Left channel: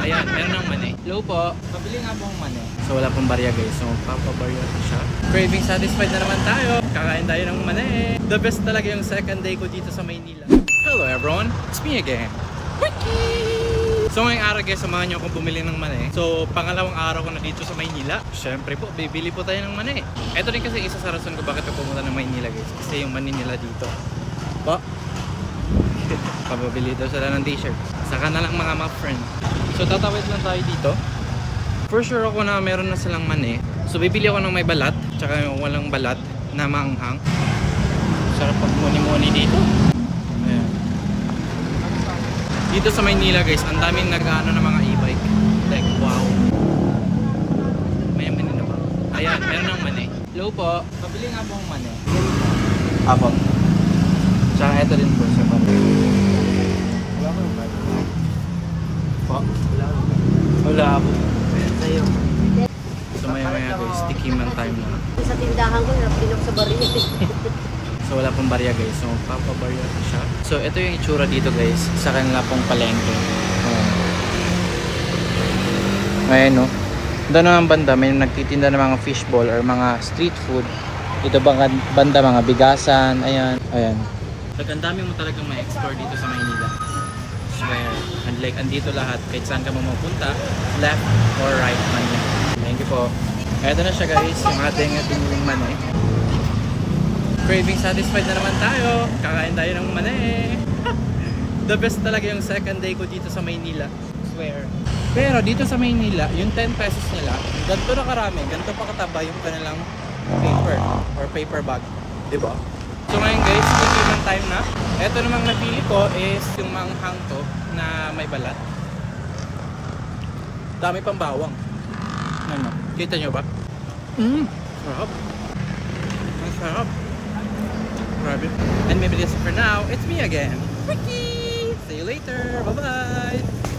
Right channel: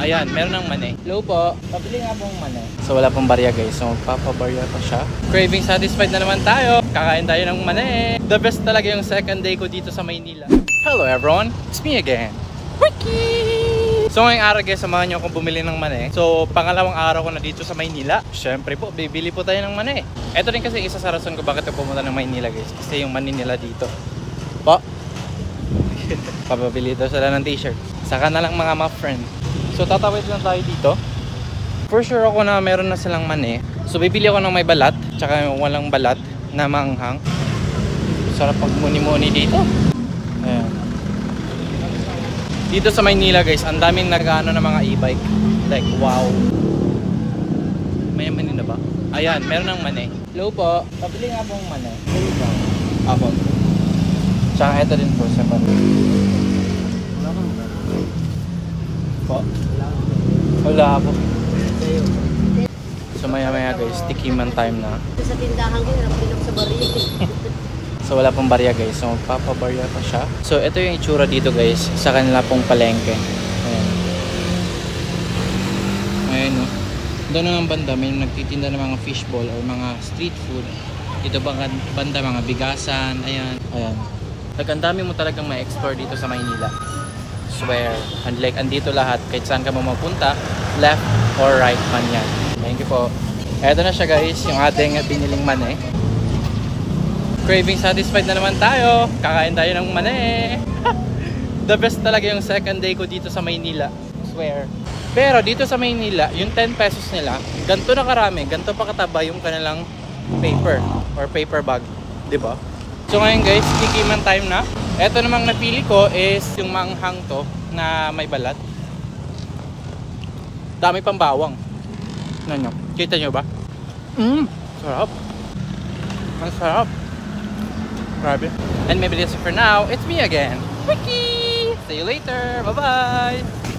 Ayan, meron ng mani. Hello po. Pabili nga pong mani. So wala pong barya guys. So magpapabarya pa siya. Craving satisfied na naman tayo. Kakain tayo ng mani. The best talaga yung second day ko dito sa Maynila. Hello everyone. It's me again. Ricky! So ngayong araw guys, samahan nyo akong bumili ng mani. So pangalawang araw ko na dito sa Maynila. Siyempre po, bibili po tayo ng mani. Ito rin kasi isa sa rason ko bakit ako pumunta ng Maynila guys. Kasi yung mani nila dito. Po. Pababili daw sila ng t-shirt. Saka na lang mga friend. So tatawid lang tayo dito. For sure ako na meron na silang mani. So bibili ako ng may balat. Tsaka yung walang balat na maanghang. Sarap pag muni-muni dito. Ayan. Dito sa Maynila guys, ang daming nag-ano ng mga e-bike. Like wow. May mani na ba? Ayan, meron ng mani. Hello po. Pabili nga pong mani. Apo. Tsaka ito din po sa mani. Wala ko yung balat. Po? Wala po. So maya guys, tikiman time na. Sa tindahan ko, napinok sa barya. So wala pong barya guys, so magpapabarya pa siya. So ito yung itsura dito guys, sa kanila pong palengke. Ayan. Ayan no. Doon ang banda, may nagtitinda ng mga fishball or mga street food. Dito banda mga bigasan, ayan. Ayan. Ang dami mo talagang ma-explore dito sa Maynila. Swear. And like andito lahat, kahit saan ka mo mapunta, left or right man yan. Thank you po. Eto na siya guys, yung ating piniling mani. Craving satisfied na naman tayo. Kakain tayo ng mani. The best talaga yung second day ko dito sa Maynila. Swear. Pero dito sa Maynila, yung 10 pesos nila, ganito na karami, ganito pa kataba yung kanilang paper or paper bag. Diba? So ngayon guys, tikiman time na. Ito namang napili ko is yung manghang to na may balat. Dami pang bawang. Ano? Kita nyo ba? Sarap. Ang sarap. Grabe. And maybe that's it for now. It's me again, Ricky! See you later. Bye-bye!